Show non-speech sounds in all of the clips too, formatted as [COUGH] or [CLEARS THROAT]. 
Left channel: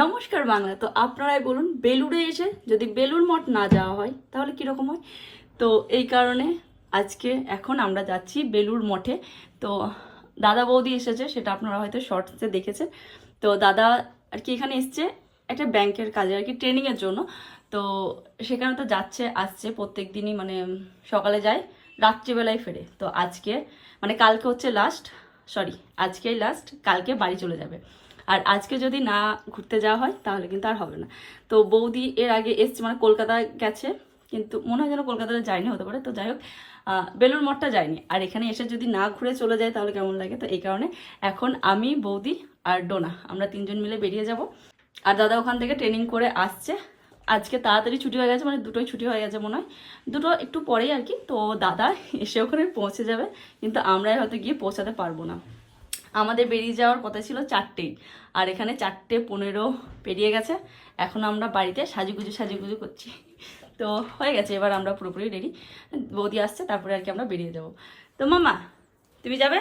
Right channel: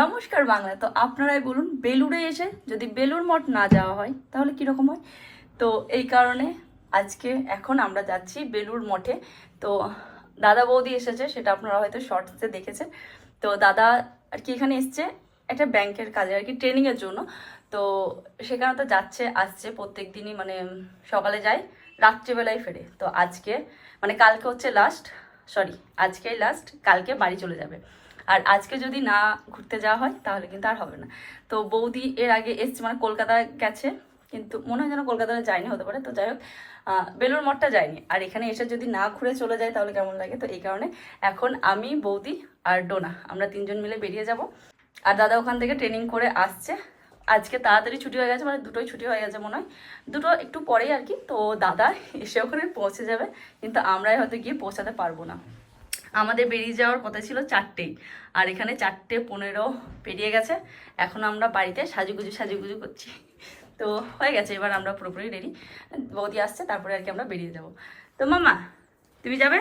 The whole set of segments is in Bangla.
নমস্কার বাংলা, তো আপনারাই বলুন, বেলুড়ে এসে যদি বেলুর মঠ না যাওয়া হয়, তাহলে কীরকম হয়? তো এই কারণে আজকে এখন আমরা যাচ্ছি বেলুর মঠে। তো দাদা বৌদি এসেছে, সেটা আপনারা হয়তো শর্টসে দেখেছেন। তো দাদা আর কি এখানে এসছে, একটা ব্যাংকের কাজে আর কি ট্রেনিংয়ের জন্য। তো সেখানে তো যাচ্ছে, আসছে প্রত্যেক দিনই মানে সকালে যায়, রাত্রিবেলায় ফেরে। তো আজকে মানে কালকে হচ্ছে লাস্ট সরি আজকেই লাস্ট কালকে বাড়ি চলে যাবে। আর আজকে যদি না ঘুরতে যাওয়া হয়, তাহলে কিন্তু আর হবে না। তো বৌদি এর আগে এসছে মানে কলকাতা গেছে, কিন্তু মনে হয় যেন কলকাতাতে যায়নি, হতে পারে। তো যাই হোক বেলুর মঠটা যায়নি। আর এখানে এসে যদি না ঘুরে চলে যায়, তাহলে কেমন লাগে? তো এই কারণে এখন আমি, বৌদি আর ডোনা, আমরা তিনজন মিলে বেরিয়ে যাব। আর দাদা ওখান থেকে ট্রেনিং করে আসছে। আজকে তাড়াতাড়ি ছুটি হয়ে গেছে মানে দুটোই ছুটি হয়ে গেছে মনে হয়। দুটো একটু পরেই আর কি। তো দাদা এসে ওখানে পৌঁছে যাবে, কিন্তু আমরাই হয়তো গিয়ে পৌঁছাতে পারব না। আমাদের বেরিয়ে যাওয়ার কথা ছিল চারটেই। আর এখানে চারটে পনেরো পেরিয়ে গেছে। এখন আমরা বাড়িতে সাজুগুজু সাজুগুজু করছি। তো হয়ে গেছে, এবার আমরা পুরোপুরি রেডি বৌদি আসছে, তারপরে আর কি আমরা বেরিয়ে যাব তো মামা, তুমি যাবে?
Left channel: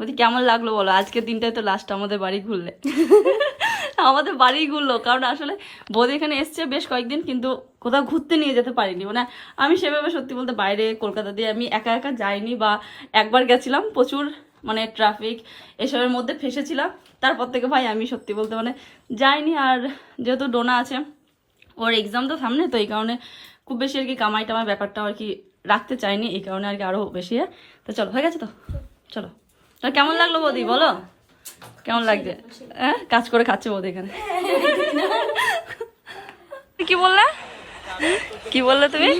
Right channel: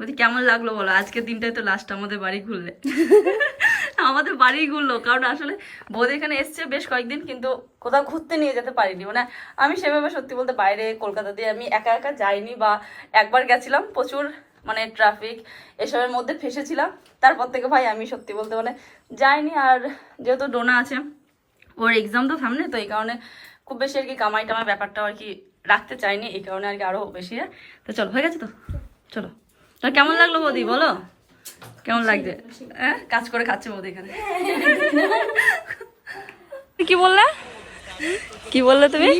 বলছি কেমন লাগল বলো? আজকের দিনটাই তো লাস্ট আমাদের বাড়ি ঘুরলে। [LAUGHS] আমাদের বাড়ি ঘুরলো, কারণ আসলে বৌদি এখানে এসছে বেশ কয়েকদিন, কিন্তু কোথাও ঘুরতে নিয়ে যেতে পারিনি। মানে আমি সেভাবে সত্যি বলতে বাইরে কলকাতা দিয়ে আমি একা একা যাইনি বা একবার গেছিলাম প্রচুর মানে ট্রাফিক এসবের মধ্যে ফেসেছিলাম। তারপর থেকে ভাই আমি সত্যি বলতে মানে যাইনি আর যেহেতু ডোনা আছে ওর এক্সাম তো সামনে তো এই কারণে খুব বেশি আর কি কামাই টামাই ব্যাপারটা আর কি রাখতে চাইনি এই কারণে আর কি আরও বেশি তো চলো হয়ে গেছে তো? চলো। তা কেমন লাগল বৌদি বলো? কেমন লাগছে? হ্যাঁ? কাজ করে খাচ্ছে বৌদি এখানে। [LAUGHS] কি বললে? কি বললে তুমি?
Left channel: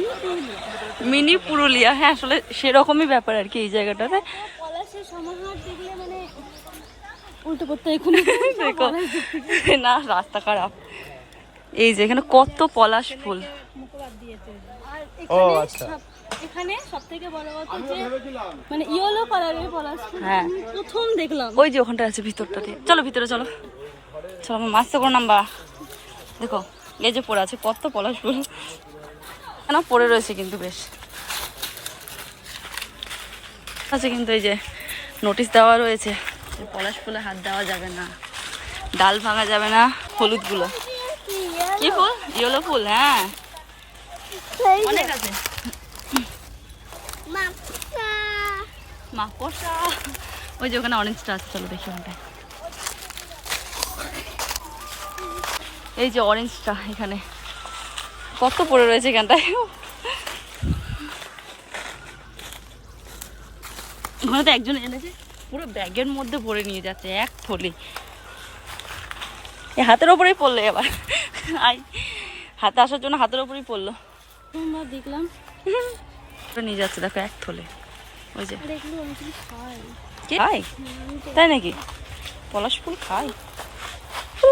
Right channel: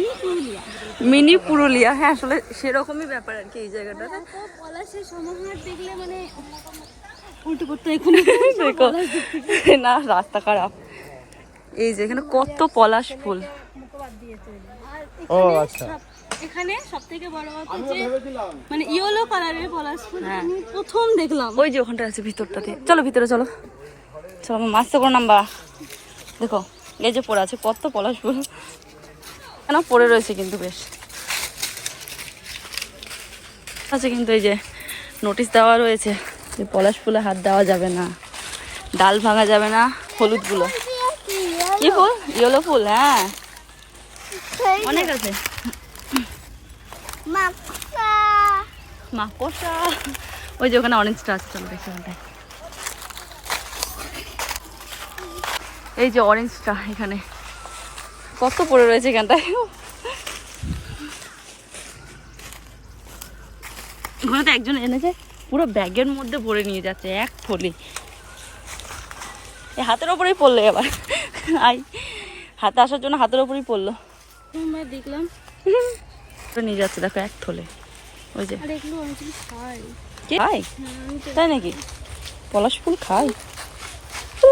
মিনি পুরুলিয়া। হ্যাঁ আসলে সেরকমই ব্যাপার আর কি এই জায়গাটাতে। পলাশের সমাহার দেখলে মানে উল্টো করতে এখন দেখো। না রাস্তা খারাপ। এই যে এখানে কত পলাশ ফুল। এখানে সব এখানে সব থেকে বড় কথা যে মানে ইয়েলো কালারের পলাশ ফুল হ্যাঁ। আমি প্রথম দেখলাম। ওই যে ওখানটা আছে ভিতরটাতে। চলো ভিতরে চলো। চলো আমার মাছ তো করে নাম্বা। দেখো এই যে পড়ে আছে কত পলাশ ফুল। কেন পড়ে রয়েছে কিন্তু বেশ। আছে কিন্তু এই যে নোটিশ দেওয়া রয়েছে যে পলাশ ফুলে হাত দেওয়া যাবে না, ডাল ভাঙা যাবে না হলুদগুলো কি ফুল? ইয়েলো ফুল হ্যাঁ। অনেক আছে। মাকড়সা। ওই যে ওখানে অরেঞ্জটা আছে, চলো দেখি ওখানটায়। এই যে অরেঞ্জটা এখানে। কত পড়ে রয়েছে এখানটায়? ওখানে তো একজন এনেছে পুরো ব্যাগের মধ্যে ভরে নিয়ে যাচ্ছে এক থলি। এই হাতের ওপরেই পড়ল এবার। আই হাতে আসার জন্য হাতের ওপরেই পড়ল। দেখলাম। নিয়ে যাচ্ছে দেখো এক থলে। ওই যে। খাই। তাই নাকি? পলাশ ফুল খাই? ও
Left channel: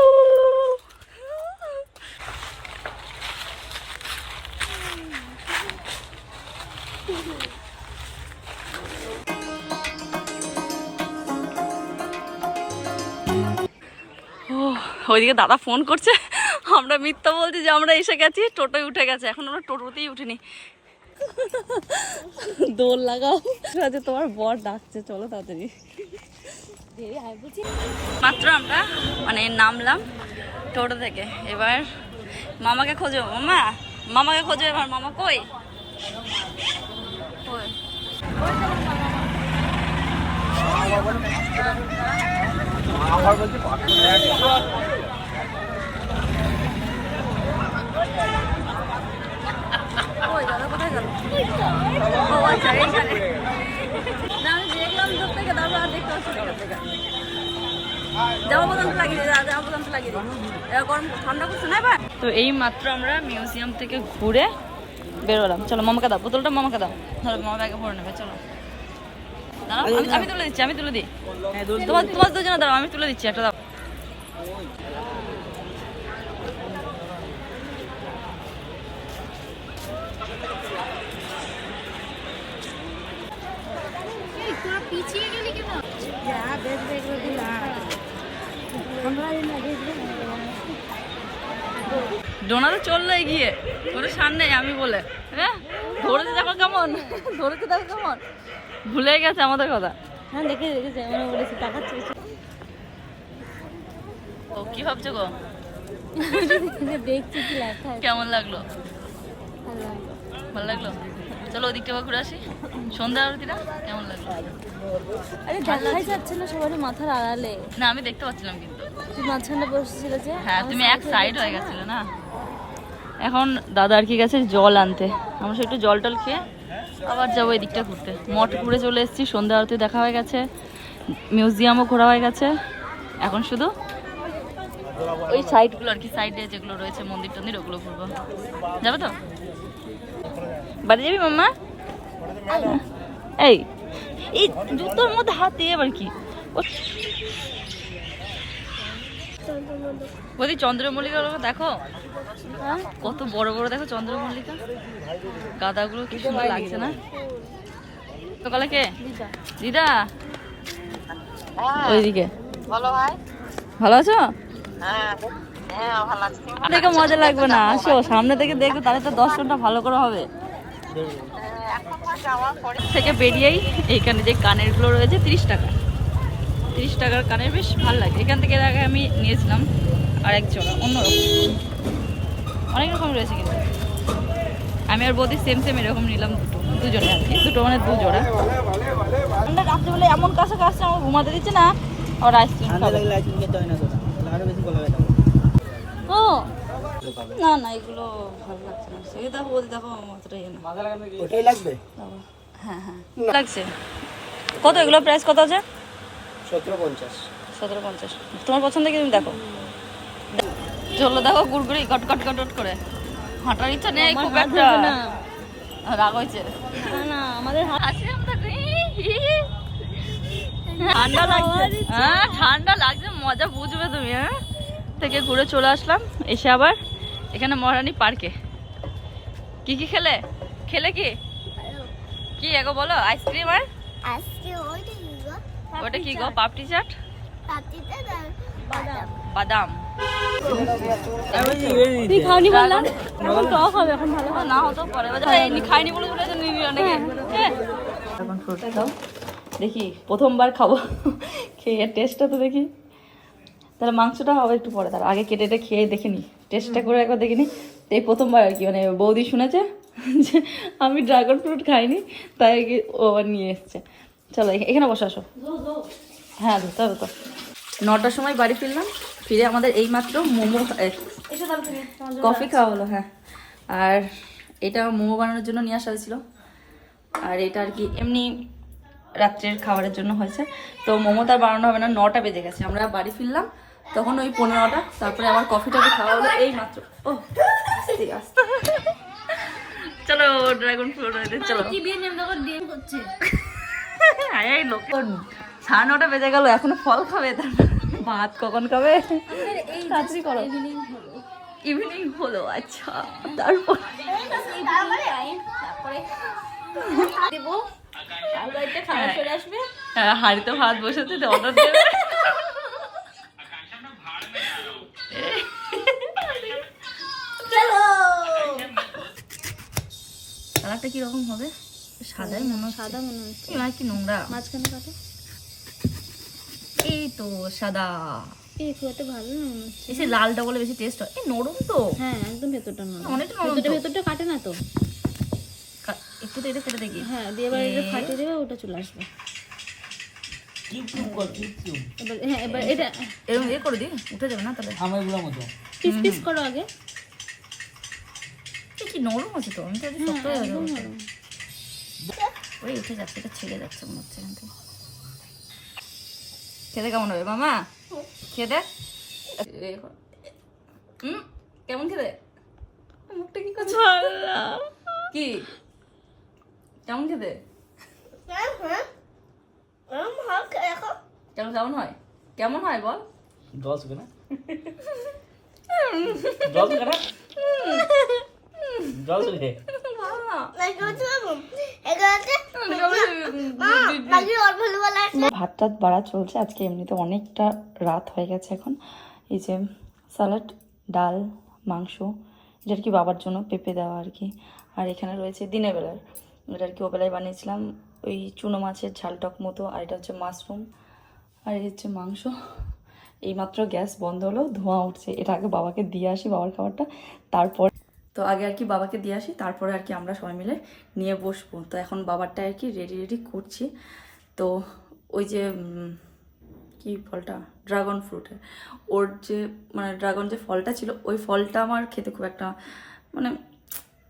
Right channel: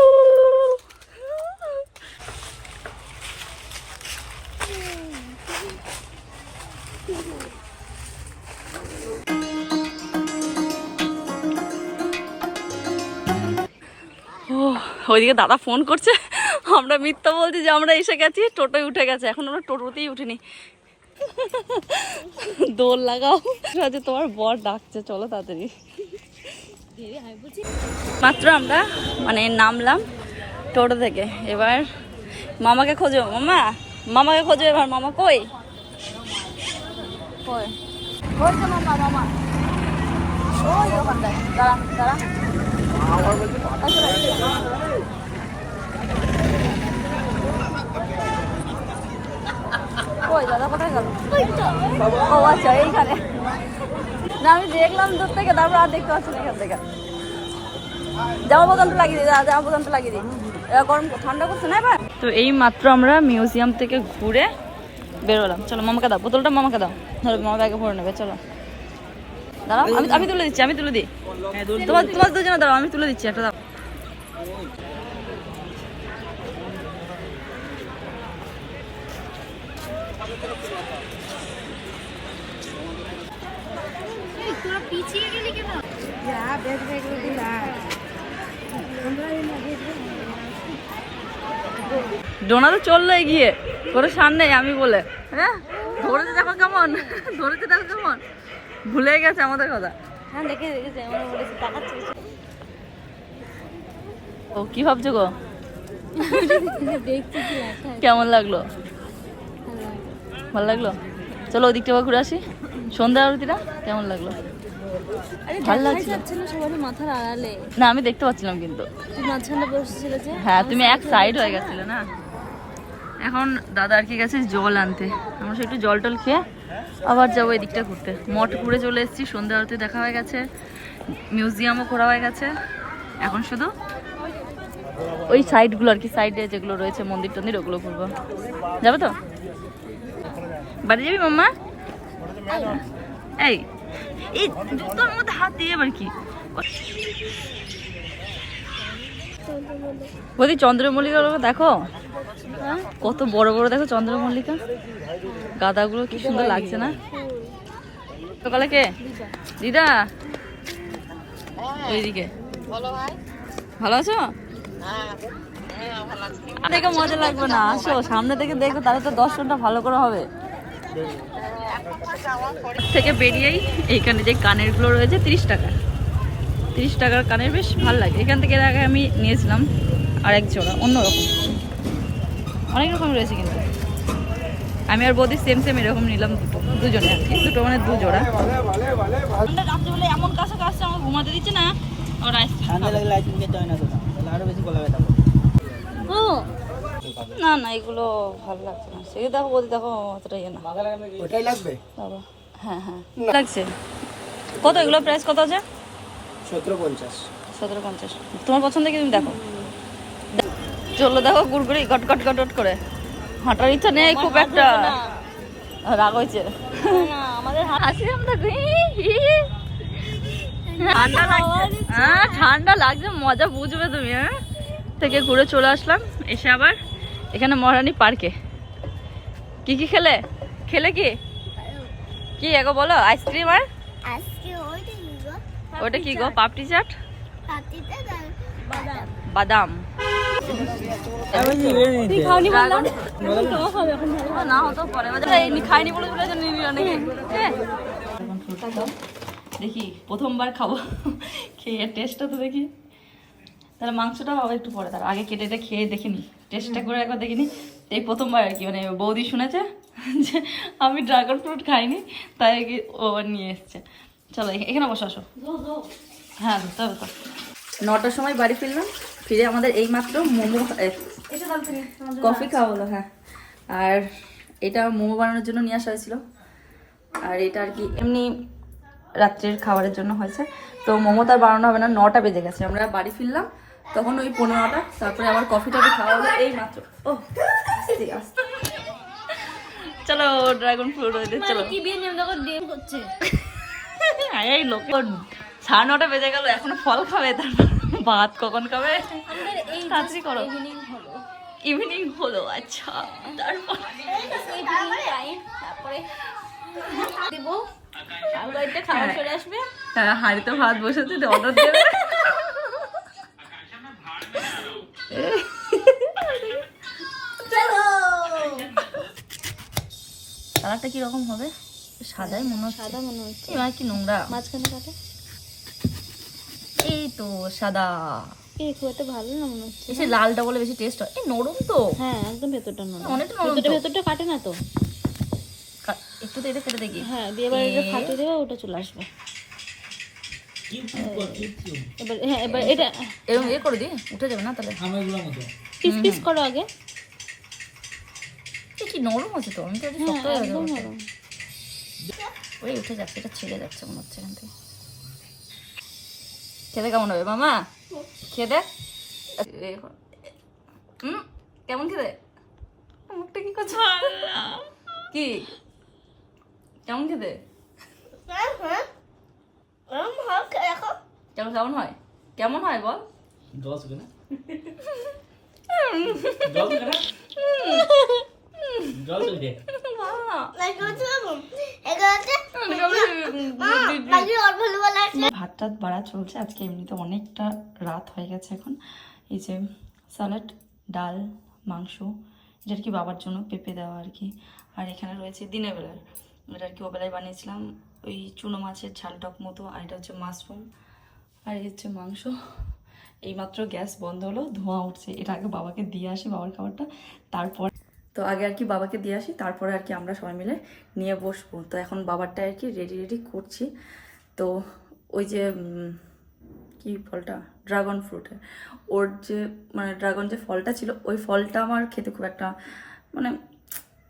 ওইদিকে দাদা ফোন করছে। আমরা মিথ্যা বলছি যে আমরা এসে গেছি টোটোয় উঠে গেছে। এখন আমরা টোটোতেই উঠিনি। দোল লাগাও। আজ তোমার বর ডাকছে চলো তাড়াতাড়ি। মাত্র আমরা মানে নামলাম টোটো থেকে। এবার মামাকে খোঁজো। মামা মামাকে খোঁজো এবার। মামা কই? কই? আচ্ছা না, আমি দেখলাম আর বোতামটা লাগিয়ে গরম, ঠান্ডা এবার? তো এই মাত্র আমরা মিউজিয়াম থেকে ঘুরে বেরোলাম। চলো, মামাকে দাও, বোতলটা মামাকে দাও। ধরো, মামা ব্যাগে ভরে নেবে, চলো। দাঁড়াও আমি আমি তুলে দিচ্ছি আমি তুলে দিই। তোমার তোমার দুজনে দাঁড়াও আমি তুলে দিচ্ছি একটা দাও তোরা পিছিয়ে গেলি কেন? ডোনা তো চলল এগিয়ে সার নেই আমি বলে। হ্যাঁ? ধরেছে দেখো কেমন ধরেছে দেখো কেমন। ভুলে গেছে আমাদের কথা। হ্যাঁ ও কি ভাবছ গো? কেমন লাগল? ভালো লাগল। চলো ওদিকটা ঘুরে আসি। সন্ধ্যা আরতিটা কেমন লাগল? মাথার আড়ালে। না আমি দেখতে পাচ্ছিলাম কিন্তু। তুই মাঝখানে বসেছিল যে হ্যাঁ তুমি এক সাইড হয়ে হয়ে গেছিলে না? এখন দাদা আর কি গেছে জল আনতে। আমরা সে একটু জল টল খেয়ে আবার যাব এদিকটা ঘুরতে। মঠ ঘুরে চলে এসেছি সন্ধ্যা আরতি দেখা হয়ে গেছে মিউজিয়ামও ঘোরা হয়ে গেছে। এখন শুধু ওই সাইডগুলো আর কি সাইডে যেগুলো রয়েছে মন্দির টন্দির ওগুলো ঘুরবো। যাবে তো? বাড়ি যাবি মাম্মা? এই এই জুতোর মধ্যে হাত দিয়ে আবার কি? বৌদি চন্দ্রমল্লিকা দেখো। হ্যাঁ কত বড় বড় দেখো চন্দ্রমল্লিকা। গাদাগুলো কি সুন্দর লাগছে না? সকালে কে? দিদা। দিদা ওইদিকে। ভালো আছো? দেখে মজা লাগবে না। আসো সামনে থেকে দেখো তাহলে তো দর্শনটা ভালো করে হবে। থেকে বেরিয়েই এইখানে যে কানেরগুলো রয়েছে তিরিশ টাকা। তিরিশ টাকার কানের বেশ ভালো লাগে। এখান থেকে আগে আমি নিয়েছিলাম আর এক জোড়া অন্যরকম। অনেক রকম রয়েছে কিন্তু। আমি আর বৌদি সেম সেম এরকম নিলাম দুটো দুজনে আর কি। দুটো মানে দু জোড়া। আমরা রাত্রিবেলা এমন কাছে কাছে আমার ঘুমাতে দিচ্ছে না আর আইসক্রিম ও না না এগুলো ভালো লাগছে না। সেই দেখো বৌদি দেখো অতটা ইয়ে না। ওটাই লাগবে? হ্যাঁ হ্যাঁ। লাগছে। কত এগুলো প্রাইস কত আছে? সতেরো পঞ্চাশ। সতেরো পঞ্চাশ। তোমার পছন্দ কি তুমি দেখো? চলো দেখো গুড়গুড়ি গট গট গট গট করে। হাঁটার ইচ্ছা নেই খুব একটা। রাগ হয়েছে। না আমাদের হাসি আমরা ঠান্ডা লাগছে। হ্যাঁ ঠান্ডা লাগছে মজা বুঝবে তুমি হ্যাঁ? থেকে ঘুরে চলে আসলাম এসে আবার এখানে মহারানী পার্কে। কি কি খেলে? খেলে কি? কি এগো বলো আইসক্রিম আর? গো ওটা কি গো পাপড়ি চাট? বাদাম। হ্যাঁ। দাও দেখি প্রথমবার খাব। খেয়ে টেস্টটা তো দেখি। তাহলে মাংসটা হবে একটু পরে তার আগে কেটে খেয়ে দেখিনি। টেস্টটা করে একবার দেখিনি। এই প্রথমবার আর কি মানে বৌদি শুনেছে যে আমি ড্রাগন ফ্রুট খাইনি তাই কি ও আবার নিয়ে এসছে। চলো এখানে বসে আসো। হ্যাঁ ধরতে হবে তো নটার সময় বাড়ি ফিরলাম ফিরে আমাদের এইমাত্র মোমো কফি খাওয়া হলো হ্যাঁ। আর এটা মোমো বানানোর জন্য নিয়ে আসা হয়েছিল। আর এটা আর কি এমনি রাত্রের খাবারের জন্য হয়েছে। তো মোমো তার বানানো হবে না নটা বেজে গেছে। আমরা বাড়ি ফিরলাম তখন ওই পনেরোটা তারপরে আবার কফি টফি খাওয়া হলো এই মাত্র ও আস্তে আস্তে। [LAUGHS] চলো ড্রাগন ফ্রুট চলো। কি বিয়ে নেম দেখো ডিম করছে আরে এই লোক সাড়ে নটা বেজে গেল এখনও ফল খাবে তারপর ভাত কখন খাবে? তাড়াতাড়ি করো। ইভিনিং হলো। আচ্ছা তারপর? দেব। খাবার চলে আসবে। হ্যাঁ হাঁড়িতে ভাত বসেছে অর্ডার দেবে। কালারটা কীরকম হবে? সাদাই মনে হচ্ছে। সাদা মনে হচ্ছে। এবার কি নোংরা? মাঝখানে কাটো এই তো সাদা। এই খুব একটা ভালো না মনে হচ্ছে। এসে লালটা বলে বেশি টেস্ট হয়। এই নরম তো। হ্যাঁ একদম ভেতরটা নরম। অনেকটা নরম ভেতরটা ভেতরটা কাটে না তো। একটু তো এটা কেটে দেখি। হ্যাঁ দিয়ে এবার এটা ফাটিয়ে দেবে ওটা চলে আসবে। এবার হ্যাঁ এবার এটা এরকম ইয়ে করে দিই উঠে যাবে না তাহলে? আমারগুলোর মতো। পিস পিস করো আগে। কি নরম আছে তো আমি তো হ্যাঁ শক্ত হয়ে একদম নরম। ওই উঠে যাচ্ছে এটা ছেড়ে যাচ্ছে মনে হচ্ছে এখান থেকে। খেতে কেমন হবে মামা? খেতে? হুম? কেমন খেতে? মুখটা কি করছে? কি? কেমন খেতে? কেমন কেমন হয়? কেমন হয় বল? জল শুকে না? [LAUGHS] জল শুকে না? জল শুকে ভালো না। ভাত টাত বাড়া চলছে। আজকে এমনিতে অনেকটা রাত হয়ে গেছে এখন। এই যে স্যালাড ডাল, মাংস, এটা আর কি বাবার জন্য পেঁপে দেওয়া আর কি। আর এখানে রয়েছে দিনের বেলার। এটা আর কি ওবেলায় বানিয়েছিলাম। ওই চুনো মাছের ঝাল টক মতো, আর এটা হচ্ছে মাশরুম। আর এই হচ্ছে মাংস। এইমাত্র গ্যাস বন্ধ হলো, ধোঁয়া উঠছে। এটা আগে বাবাকে দিয়ে আসি বাবার খাবারটা, তারপর তো আগে আর কি বাবাকে দিয়ে আসি, তারপরে আর কি আমরা সবাই মিলে নিয়ে বসবো। তো এখন বাবারটা আর কি রেডি রেডি করছি। তো ওই যে কি ফলটা? ড্রাগন ফ্রুটের ওর যে মানে ড্রাগন যে ফলটা ছিল, ওই ফলটা আমার খেতে খুব একটা মানে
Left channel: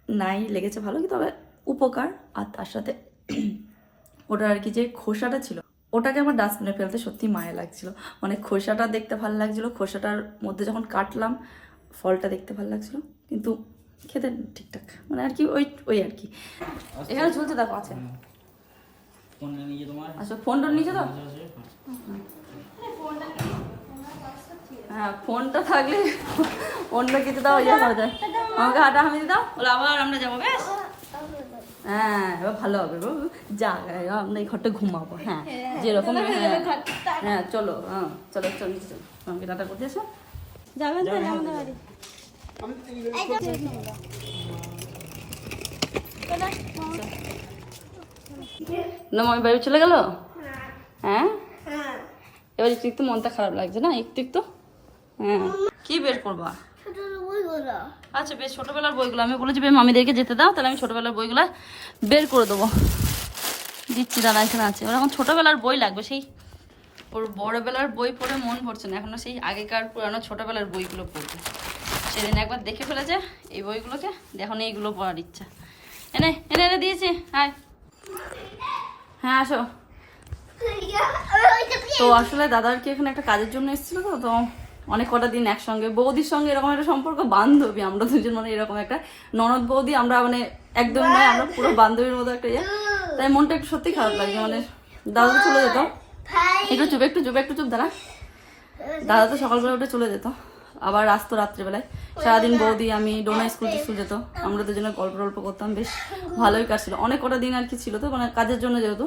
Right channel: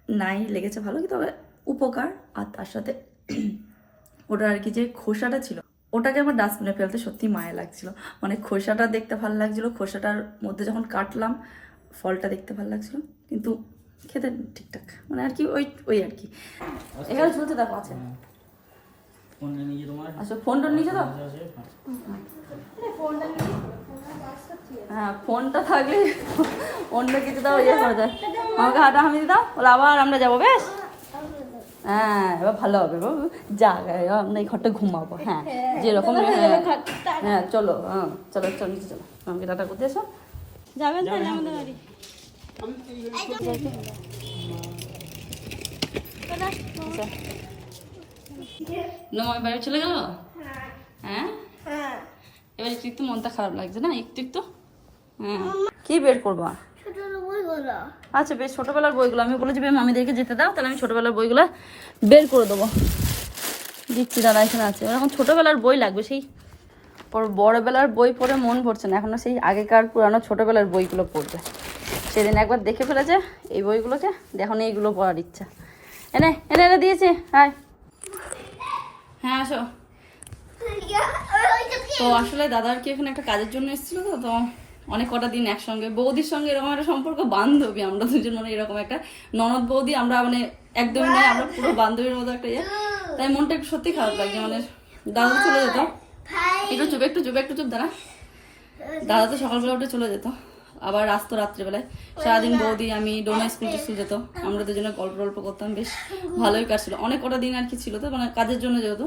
নাই, লেগেছে ভালো কি তবে উপকার। আর তার সাথে [CLEARS THROAT] ওটা আর কি যে খোসাটা ছিল, ওটাকে আমার ডাস্টবিনে ফেলতে সত্যি মায়া লাগছিল। মানে খোসাটা দেখতে ভালো লাগছিল, খোসাটার মধ্যে যখন কাটলাম, ফলটা দেখতে ভালো লাগছিল, কিন্তু খেতে ঠিকঠাক। মানে আর কি ওই ওই আর কি। এখানে ঝুলতে দেখো, আছে। ফোন নিয়ে তোমার। আচ্ছা ফোন টোন নিচে তো। হ্যাঁ ফোনটা থাকলে অন্য কিছু দাও ইয়ে করা যায় আমাকে হাঁটা হামি দাও বলে আবার আমরা যাব বেশ? হ্যাঁ এবার ভালো হবে যা এবার আমরা এই ঘরটা ঘুমাবো হ্যাঁ যেরকম হ্যাঁ হ্যাঁ। চলো হ্যাঁ চলো চলো চলো। আমাকে টাটা করতে এসো। যাবেন তাহলে আমাদের বাড়ি। নময় বাড়ি চলে গেল? হ্যাঁ। এবার একটু একটু মনটা খারাপ লাগছে না? একটু একটু? হ্যাঁ। কি বের করবা? আচ্ছা বেশ ছোটবেলার বইগুলো। আমি বলেছি বেশ মামিদেরকে যেতে দাও তাহলে আমি ছোটবেলার বইগুলো বের করে দেবো। দিচ্ছি দাদা এখানে আছে। ওর এখন ছোটবেলার বই লাগবে সেই পর বড়বেলার বই পড়ে মন ভরছে না। এখনও সেই আগেকার পুরানো ছোটবেলার বইগুলো পড়বে। সেদিন একবার দেখে ফেলেছে এই বইগুলোকে। এখন এইগুলো পড়ার ইচ্ছা। এনে এনে এনে দিয়েছে হ্যাঁ হ্যাঁ আসো। তো আসলে দাদার কি এখানে একটা কাজের জন্য এসেছিল তো? তো অনেক কটা দিন একসঙ্গে, বৌদির সঙ্গে এরকম একটা সম্পর্ক, বান্ধবী। আমরা দুজন মানে এরকম একটা ননদ বৌদি, আমরা মানে একদমই নয়, আমরা পুরো বান্ধবীর মতো একটা ইয়ে। তাই মনটা একটু সত্যি খারাপ লাগছে মানে দাদা চলে যেত। একটু চুপ একটু চুপ একটু চুপ, দাঁড়া। দাদা তো সকালবেলা উঠে চলে যেত। আবার আসতো রাত্রিবেলায়। সারাদিন বৌদি আমি ডোনা স্কুল টিস্কুল যেত আমরা দুজনে গল্প টল্প করতাম বেশ ভালোই কাটছিল। অনেক কটা দিন আর কি ছিল তো মানে কাজের জন্য যেহেতু।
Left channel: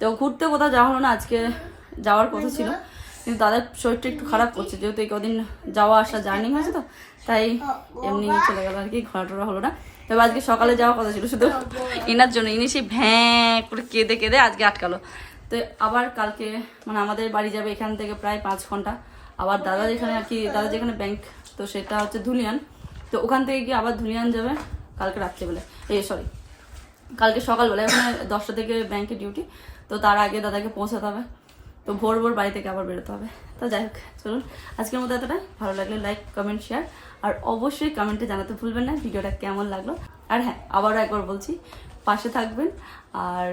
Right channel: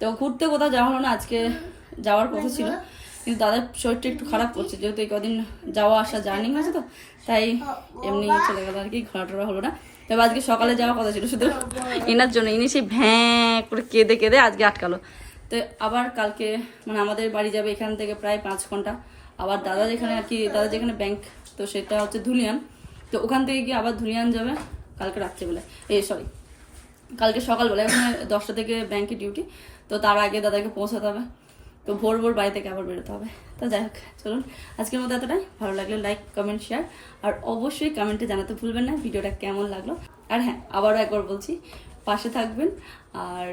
তো ঘুরতে কোথাও যাওয়া হলো না আজকে যাওয়ার কথা ছিল। কিন্তু দাদার শরীরটা একটু খারাপ করছে যেহেতু এই কদিন যাওয়া আসা জার্নি হয়েছে তো তাই এমনি চলে গেল আর কি ঘোরা টোরা হলো না। তবে আজকে সকালে যাওয়ার কথা ছিল শুধু এনার জন্য ইনি সেই ভ্যাঁ করে কেঁদে কেঁদে আজকে আটকালো। তো আবার কালকে মানে আমাদের বাড়ি যাবে এখান থেকে প্রায় পাঁচ ঘণ্টা। আবার দাদা যেখানে আর কি দাদা যেখানে ব্যাংক তো সেটা হচ্ছে ধুলিয়ান। তো ওখান থেকে গিয়ে আবার ধুলিয়ান যাবে কালকে রাত্রিবেলায়। এ সরি কালকে সকালবেলা ওখানে দশটা থেকে ব্যাংকে ডিউটি তো তার আগে দাদাকে পৌঁছাতে হবে। তো ভোর ভোর বাড়ি থেকে আবার বেরোতে হবে। তো যাই হোক, চলুন, আজকের মতো এতটাই। ভালো লাগলে লাইক কমেন্ট শেয়ার আর অবশ্যই কমেন্টে জানাতে ভুলবেন না, ভিডিওটা কেমন লাগল। আর হ্যাঁ আবারও একবার বলছি, পাশে থাকবেন, আর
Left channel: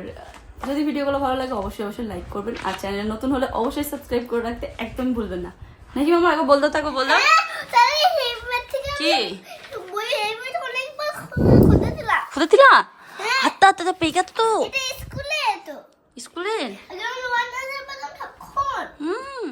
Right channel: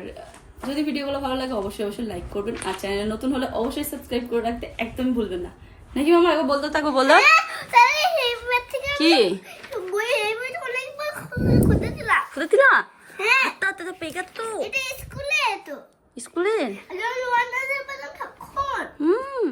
যদি ভিডিওগুলো ভালো লাগে, অবশ্যই অবশ্যই লাইক করবেন, আর চ্যানেলে নতুন হলে অবশ্যই সাবস্ক্রাইব করে রাখতে একদমই ভুলবেন না। নাকি মামা আগে বলতো তাকে বলো। কি? খুদে দিলা হাতটা হাতটা পেকা তো। স্কুলে স্কুলে? হুম।